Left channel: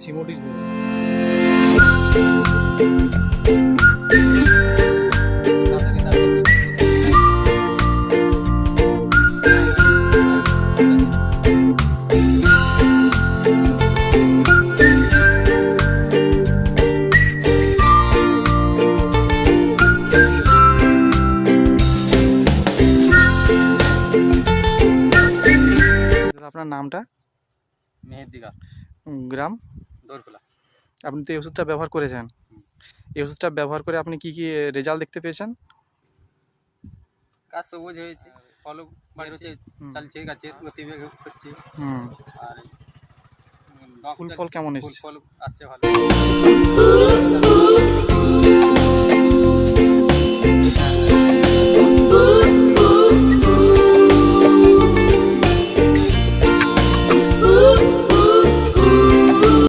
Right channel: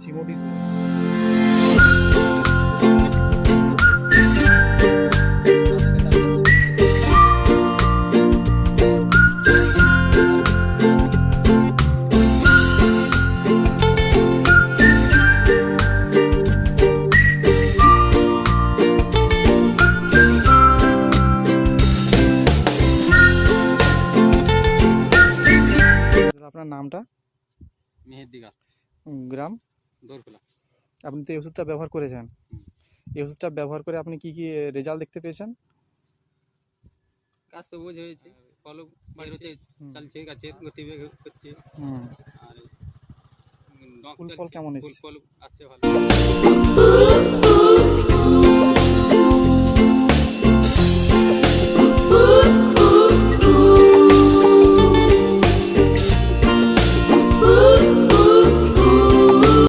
চিমুটি আপনার নামটা? মেহেদিকা, গ্রাম? দোরখোলা। আপনি তো এই ওষুধটা ব্যবহার করেছেন। এই ওষুধটা ব্যবহার করে আপনি কি রেজাল্ট দেখতে পেয়েছেন? গাছ সবুজ হয়েছে, ফলও বেরোতে চালছে, গাছের গতিবেগ হচ্ছে। আর ফুল ফল কেমন ফুল এসছে? ফল আসছে ভালো।